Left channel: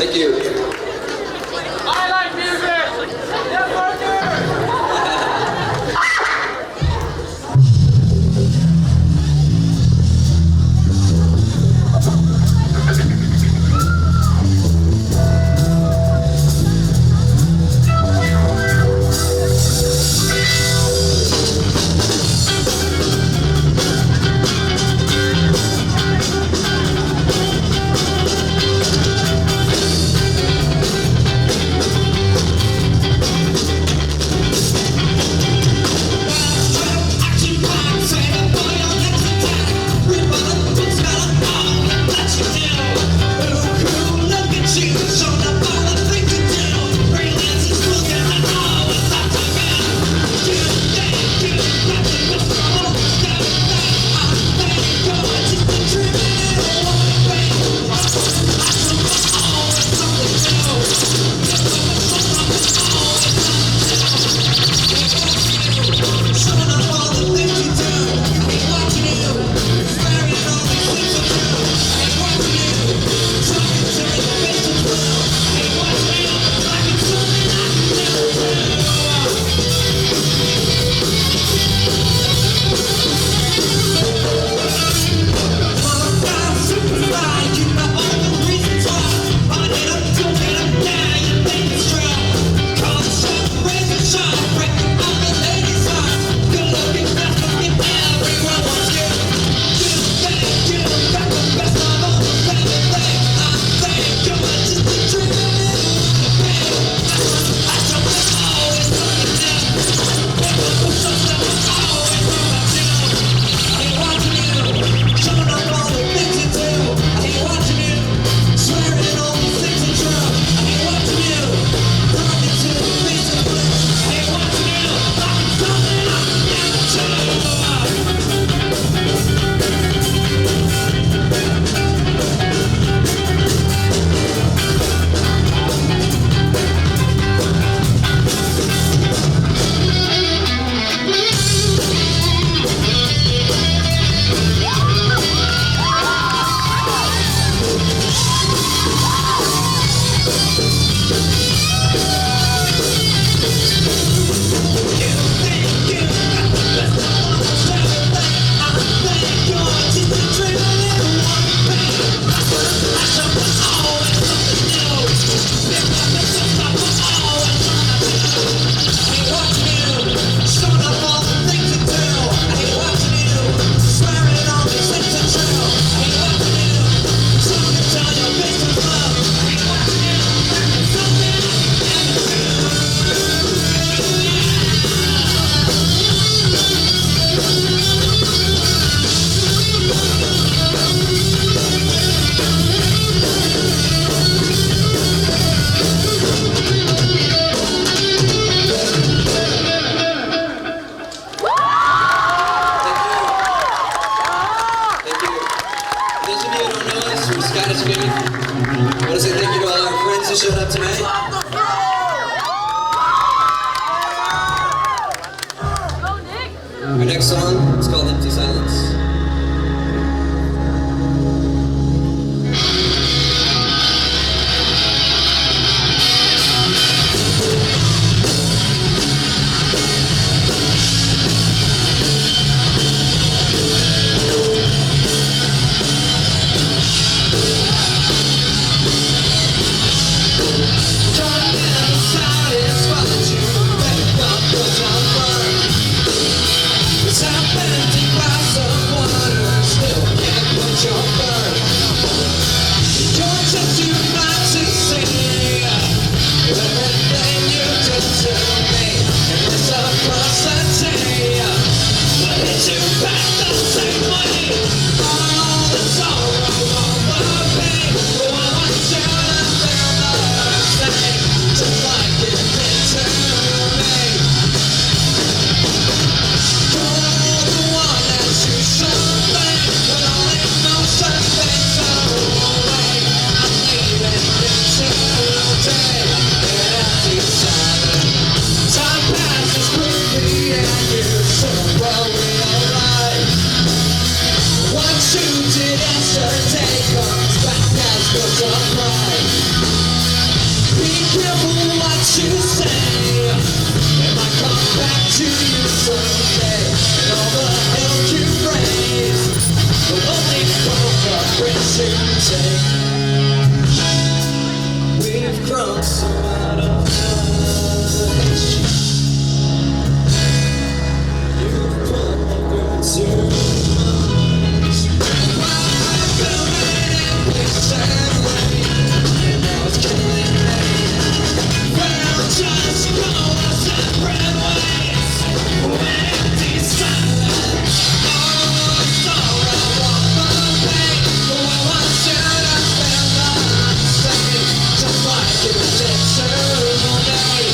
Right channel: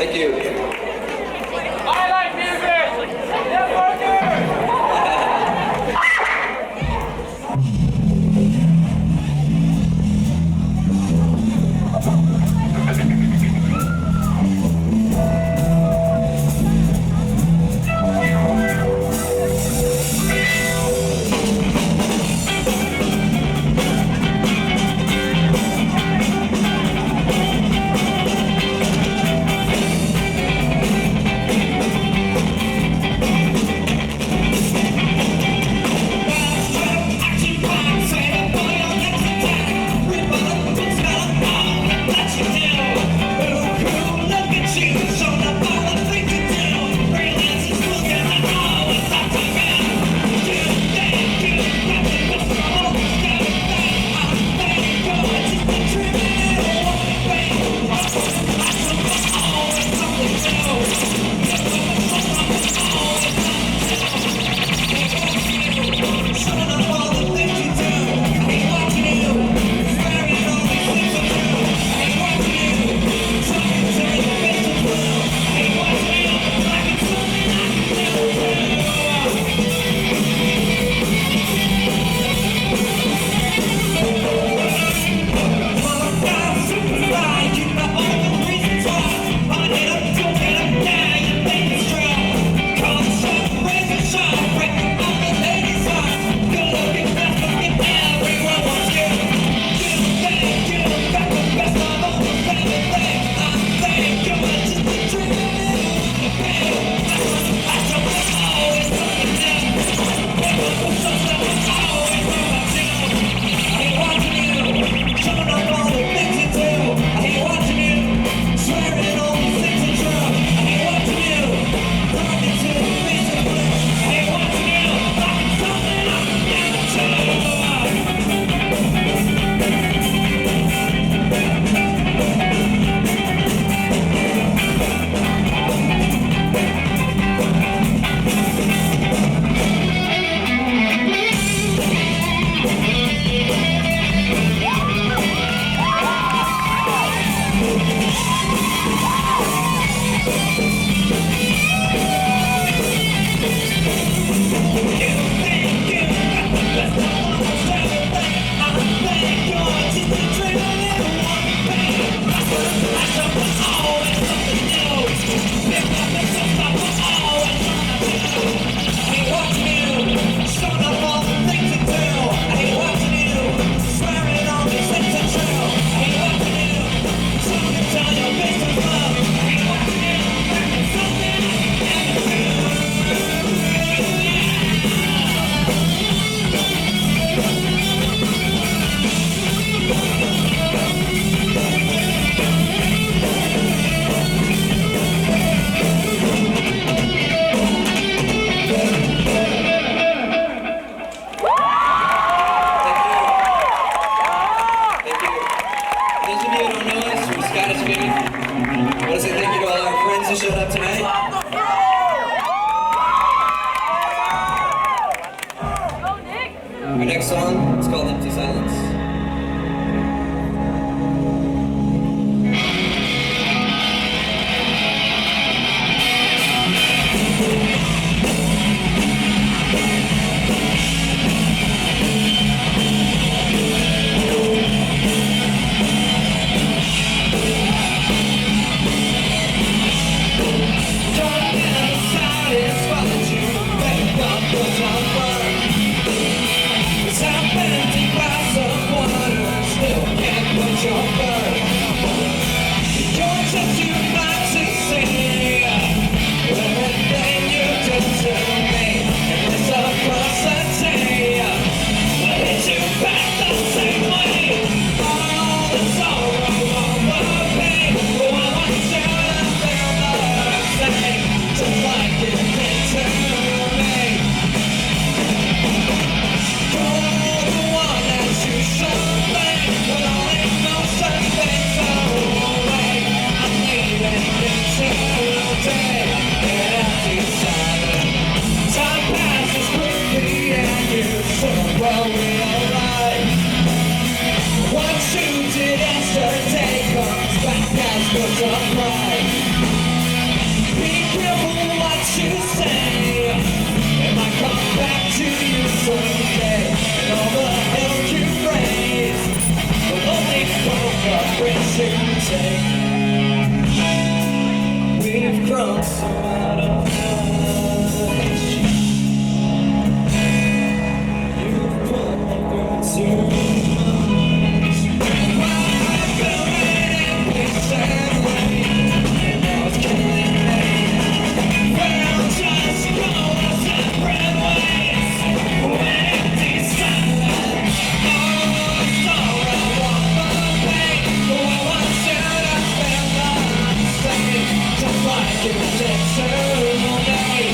Thank you. I like music! Yeah, Parker! Scatascube. I want to say thank you to all our friends who showed up tonight. Our next song is called Empty Silence. But don't cry. Be careful what you say. It might come back to you someday. And all the hell you raise will only come the risks you take. We've grown so out of touch. You've put too much. Welcome in peace and rain. Now it's killing me. We'll just go our separate ways. Empty silence. Almost all I walk away. Well, I want you to feel the same. Just like you did today.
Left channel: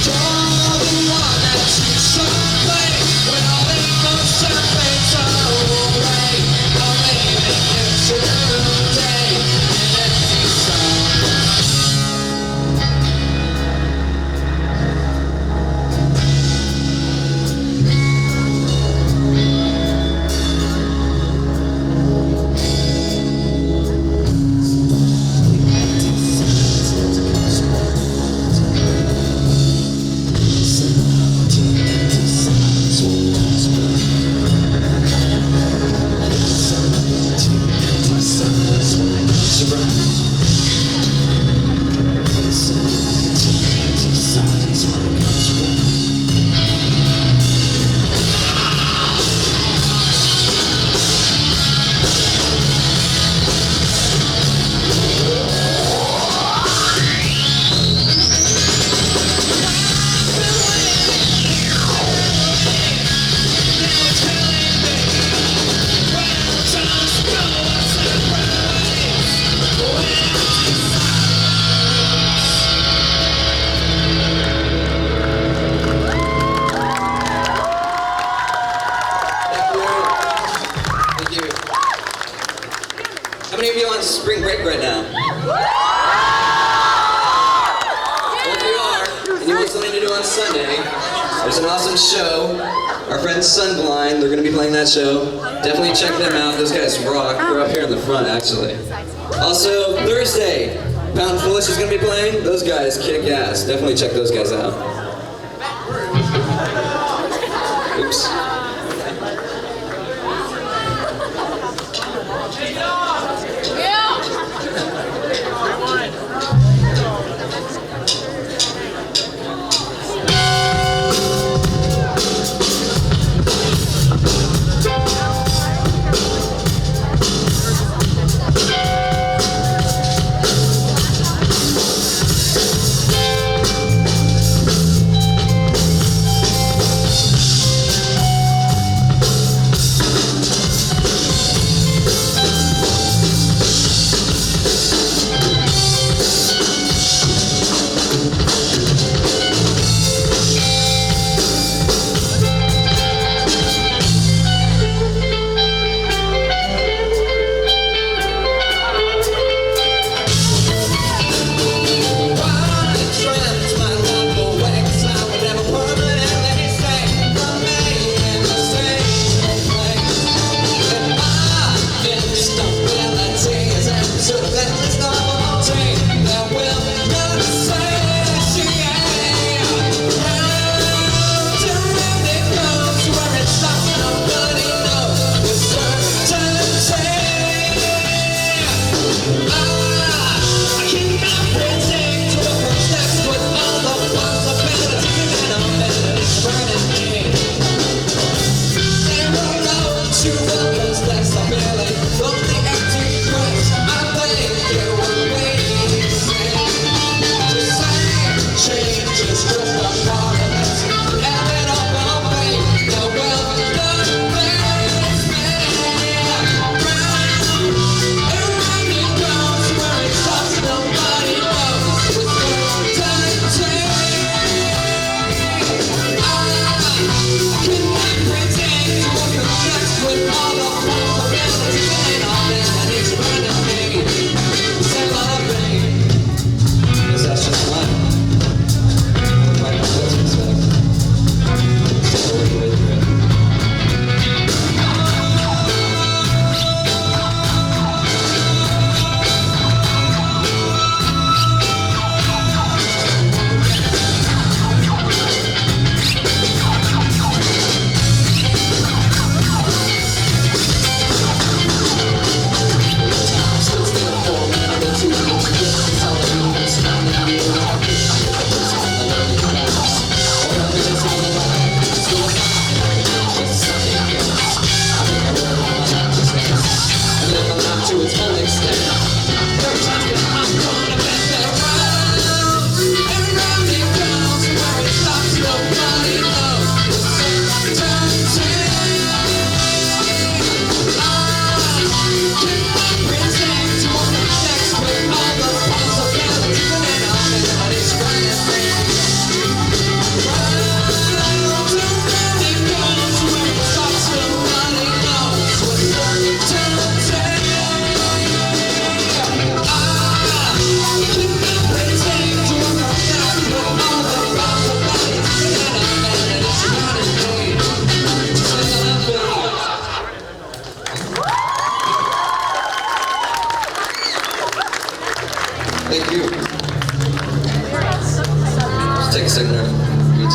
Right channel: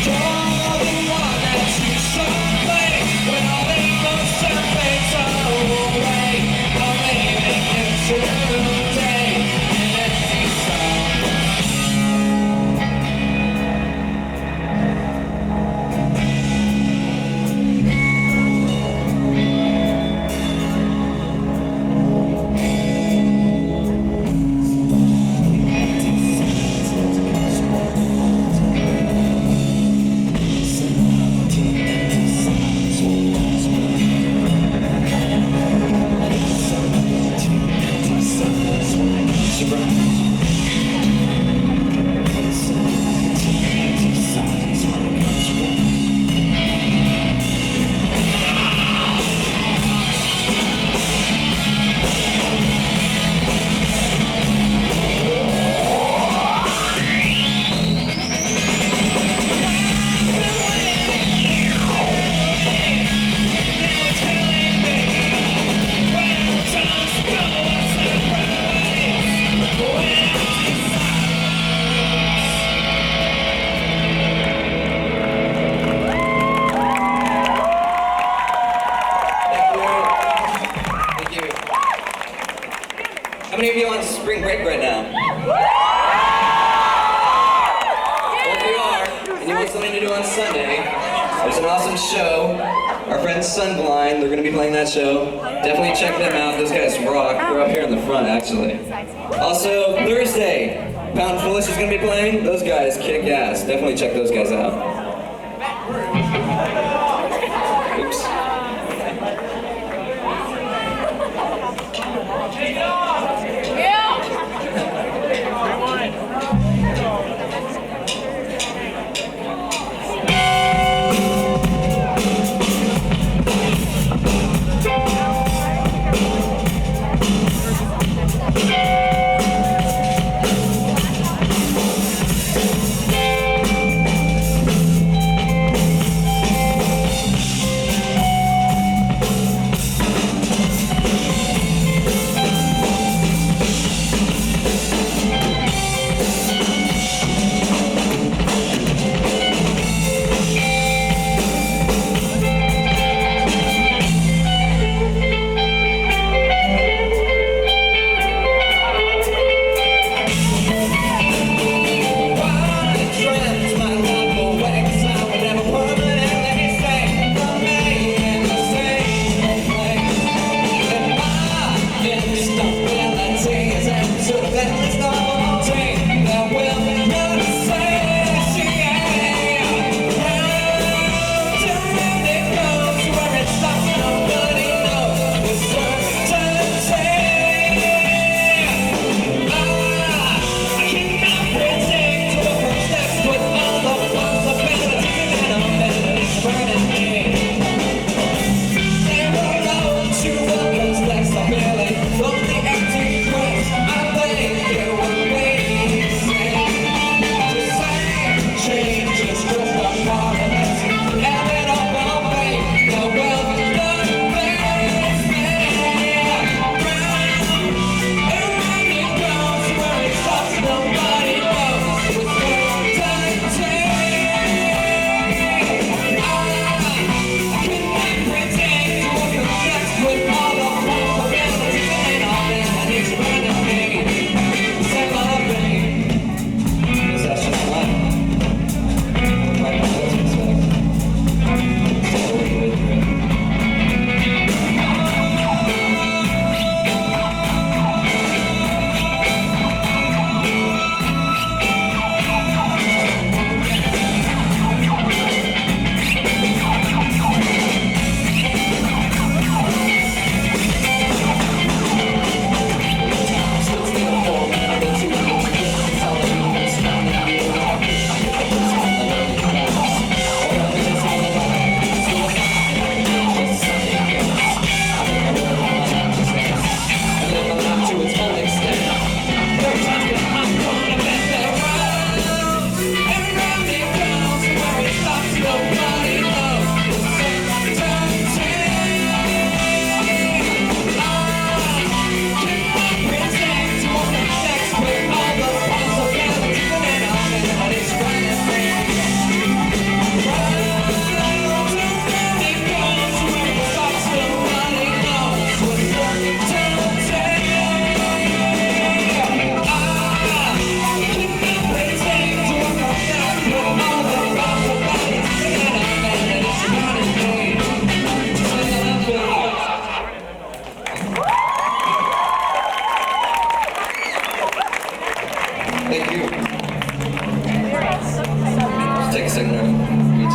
You're the one that you should play. When all emotion fades away, I'm leaving you today. And empty silence. How many of you are on spring break right now? Well, if you are, and you want something to do on Sunday, there's an awesome show. Our friends Sunblind, they're going to be playing that show. Definitely check them out. Those guys rock. They're up here in the front, actually. Also, Thursday, Pound Foolish is going to be playing. Those guys kick ass. Definitely check those guys out. Oops. Thank you. Just take a second to meet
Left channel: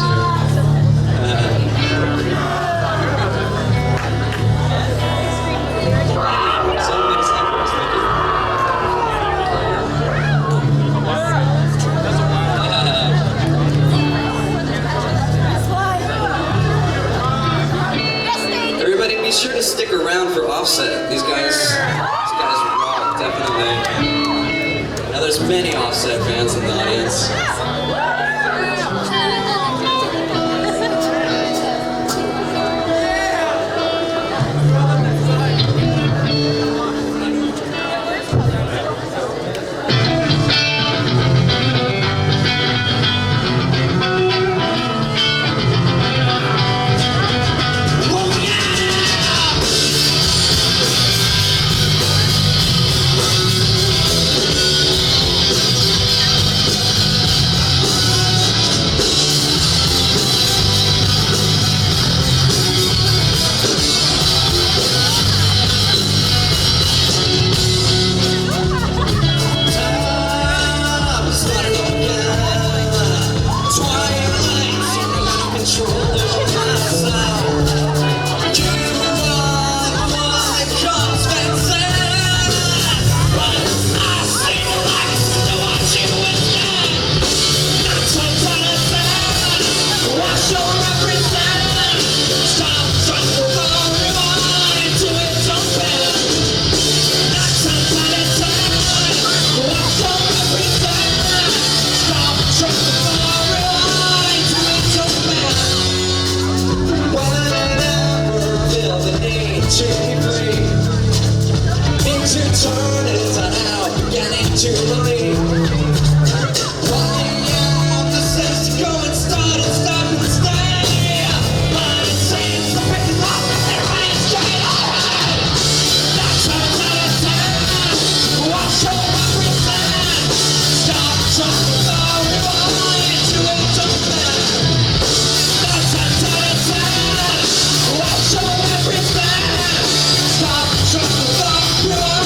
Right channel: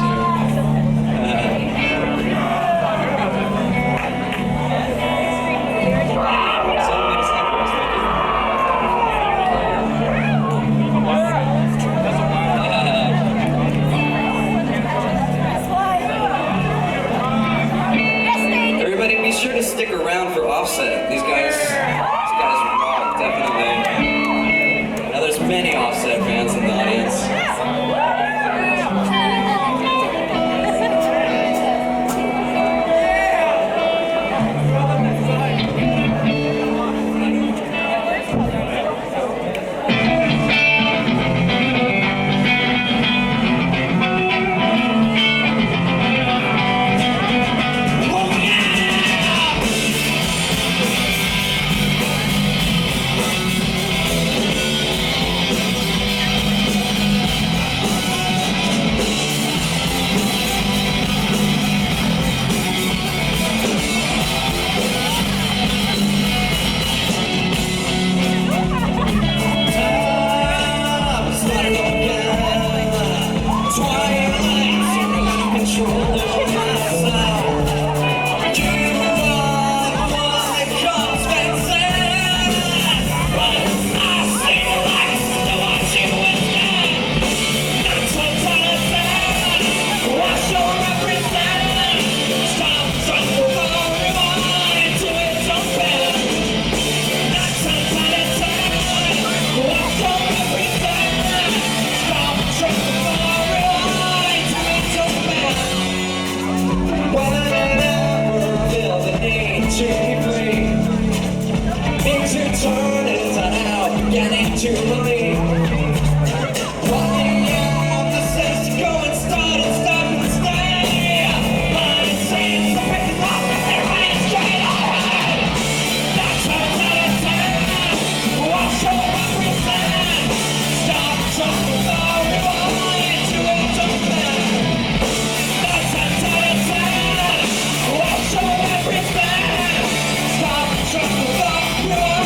Everybody, be sure to stick around for Offset. These guys rock, definitely. Now there's many Offset fans in the audience. Turn it out, getting to believe. Running out the steps to go and start and stop and stay. But it seems the pick is off and they're running straight ahead. That's how watch your represent. Stop trying to rewind to it to bed. That's how watch your represent. Stop trying to rewind.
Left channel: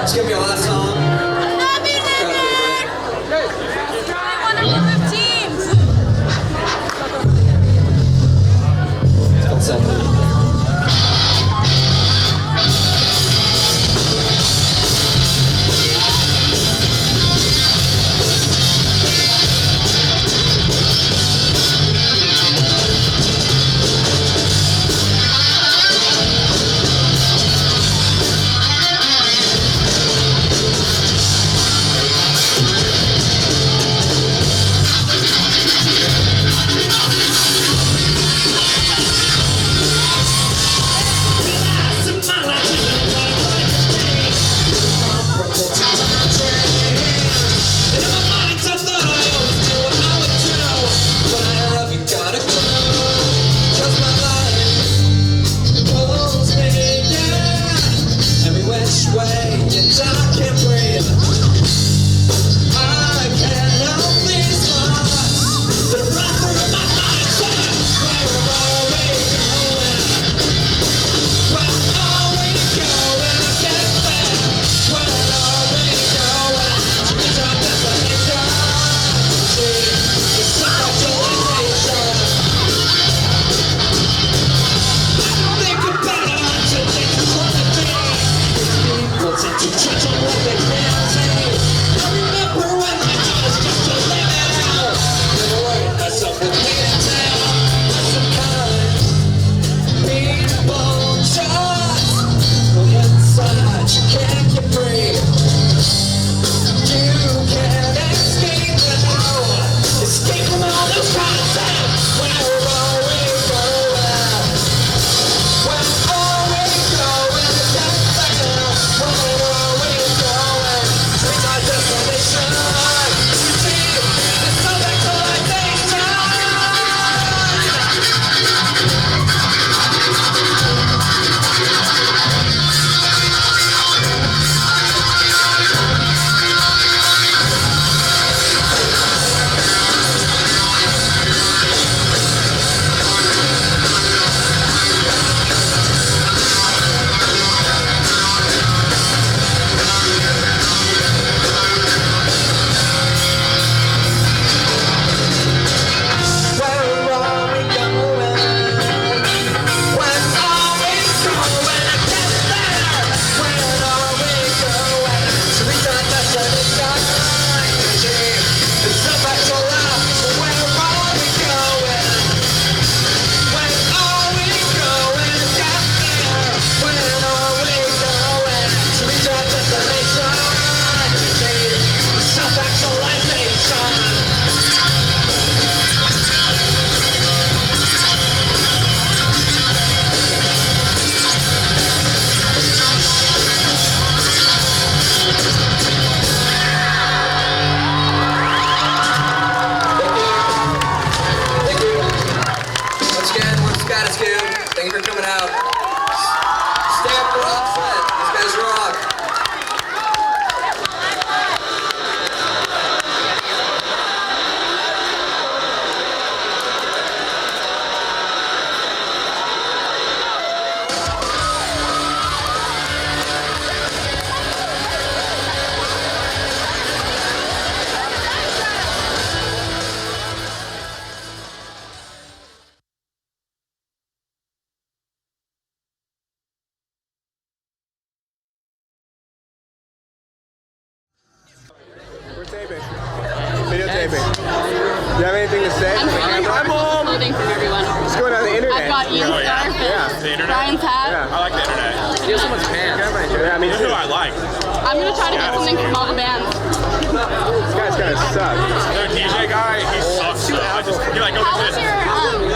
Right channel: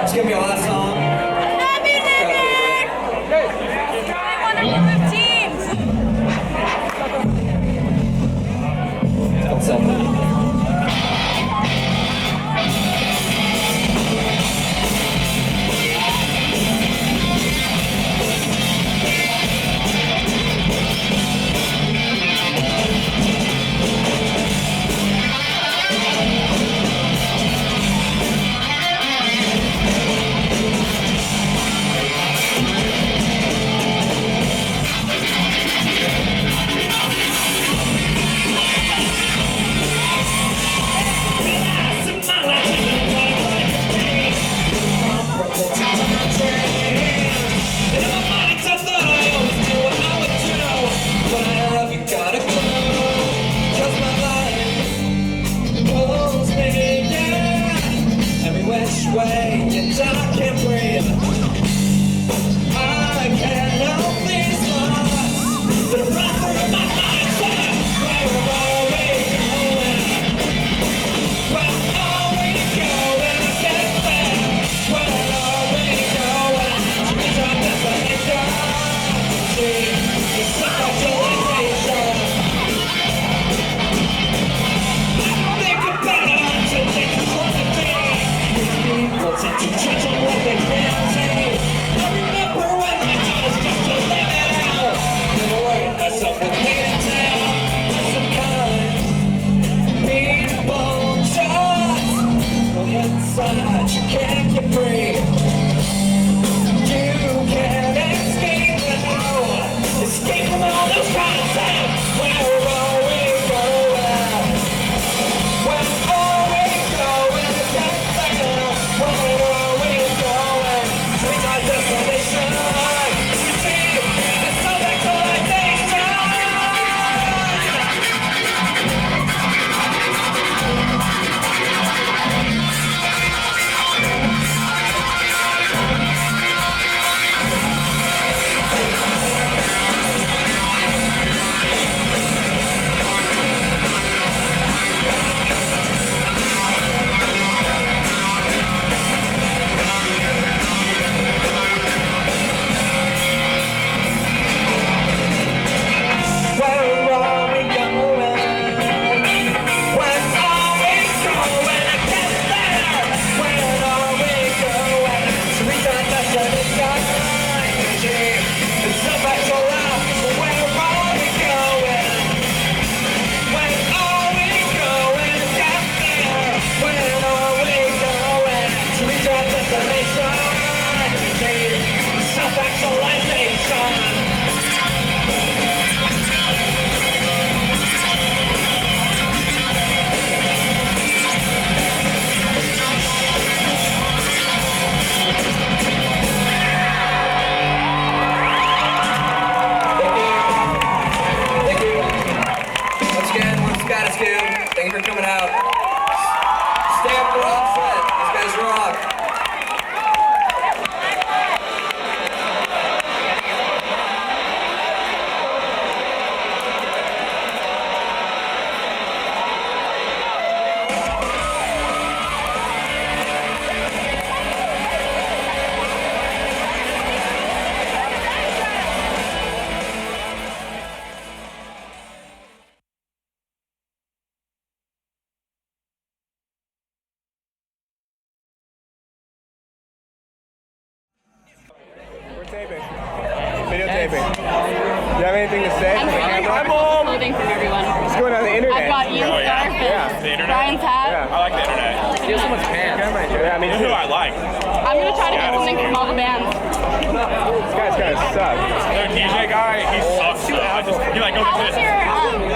It's gonna be our last song. Happy New Year! I want to move teams. It's called Something. Anchor coming out. Stay up for Offset. These guys rock. Taping. Videotaping. Do you have anything to say? I'm stealing clothing from everyone. What's going on the internet? I've got Ian's scarf and The internet? Brian's hat. Yeah. I like the internet. Steal someone's pants. Yeah, me You know too. who I like? I'm gonna try to get something from all the bands. This guy's kind of suck. The DJ guy, he sucks. He like, go How's get this.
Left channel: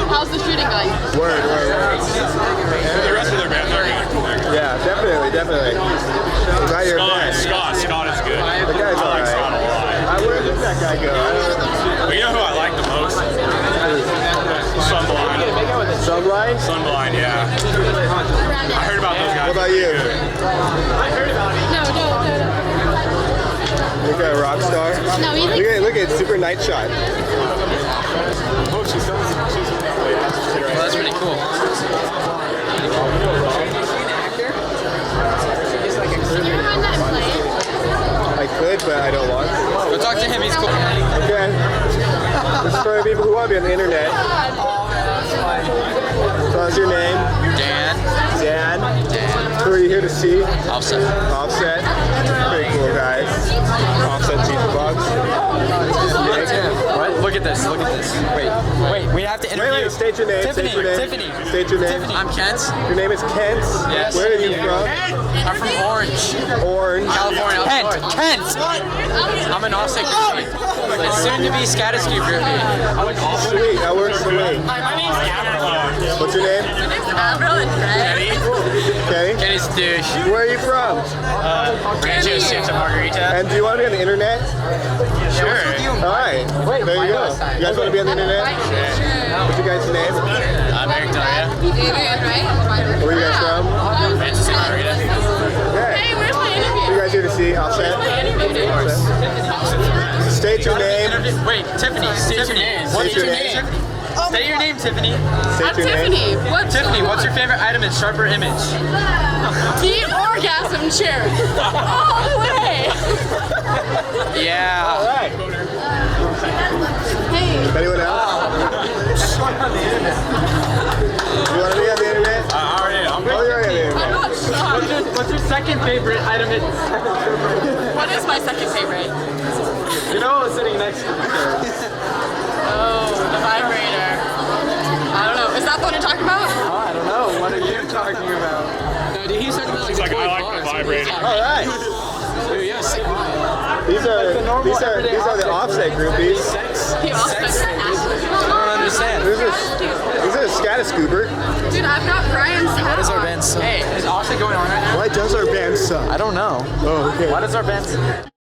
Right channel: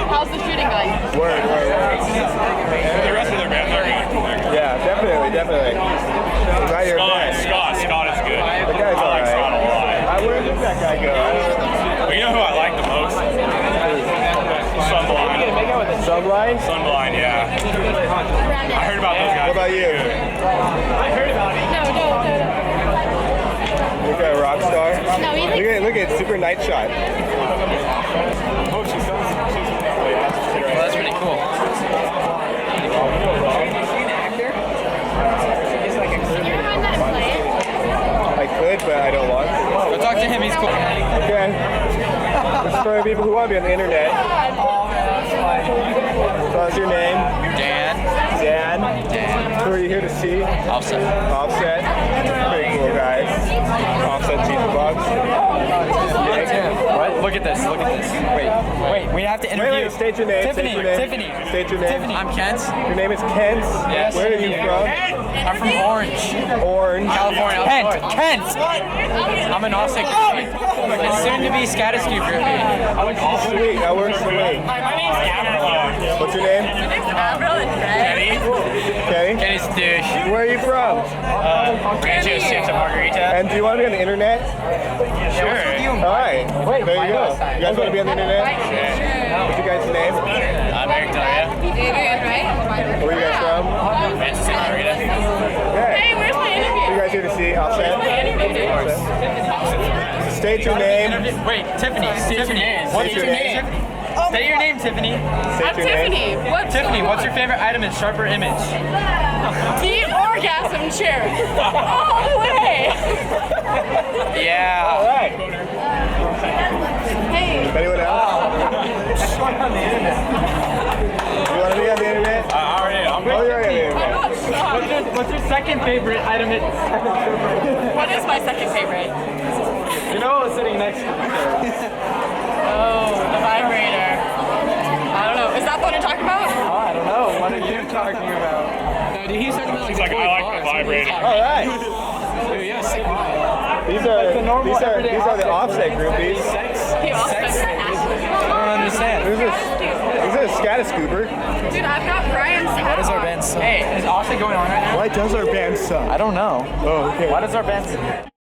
how's the shooting going? Word. The rest of their bands are good. Yeah, definitely. I'm glad you're a fan. Scott is good. The guy's I like Scott a alright. lot. Where did that guy go? But you know who I like the most? Sunblind. Subline? Sunblind, yeah. I heard about those guys. What about you? No. Look at a rock star. No, he's Look at Super Night Shot. Oh, she's coming. Well, that's pretty cool. Can you remind that and play it? I could, but I don't want to. Go talk to him, he's cool. Okay. This is for the people who want to be on the internet. So what's your name? Dan. Who are you here to see? Offset. Offset. Pretty cool guys. Offset sees the bugs. What? Look at this. Wait, we have to interview. Wait, state your name. Tiffany. State your name. I'm Kent. Your name is Kent? Yes. Where are you from? I'm from Orange, California. Kent. I'm an Offset groupie. And soon to be Scatascube groupie. Sweet, that works for me. My name's Gabriel. What's your name? Avril and Trey. Kenny? Kenny's douche. Where are you from? Rancho Santa Margarita. And do you want to be on the internet? Sure. Alright, there you go. You guys want to be on the internet? What's your guys' name? I'm Eric Daria. Where are you guys from? Rancho Santa Margarita. Okay. Hey, where's my What are interview? you guys here to see? Offset? State your name. Wait, Tiffany. What's State your your name? name. Say your name, Tiffany. State I'm your name. Tiffany. What's Tiffany, what's your favorite item in Sharper Image? the orgasm chair? All the way. Yeah. Alright. Hey. Anyone else? You want to be on the internet? I'm Oh, you're on the internet. I'm not shocked. What's your second favorite item in What is my second favorite? You know who's sitting next to you? Oh, the vibrator. I don't know. Is that the one you're talking about? I don't know. What are you talking about? No, dude, he's talking about He's like, I like the vibrator. Alright. Dude, yes. These are the Offset groupies. He also I don't understand. This is a Scatascuber. Dude, I've got Brian's hat. What is our band suck? Hey, is Offset going on right now? Why does our band suck? I don't know. Oh, okay. Why does our band suck?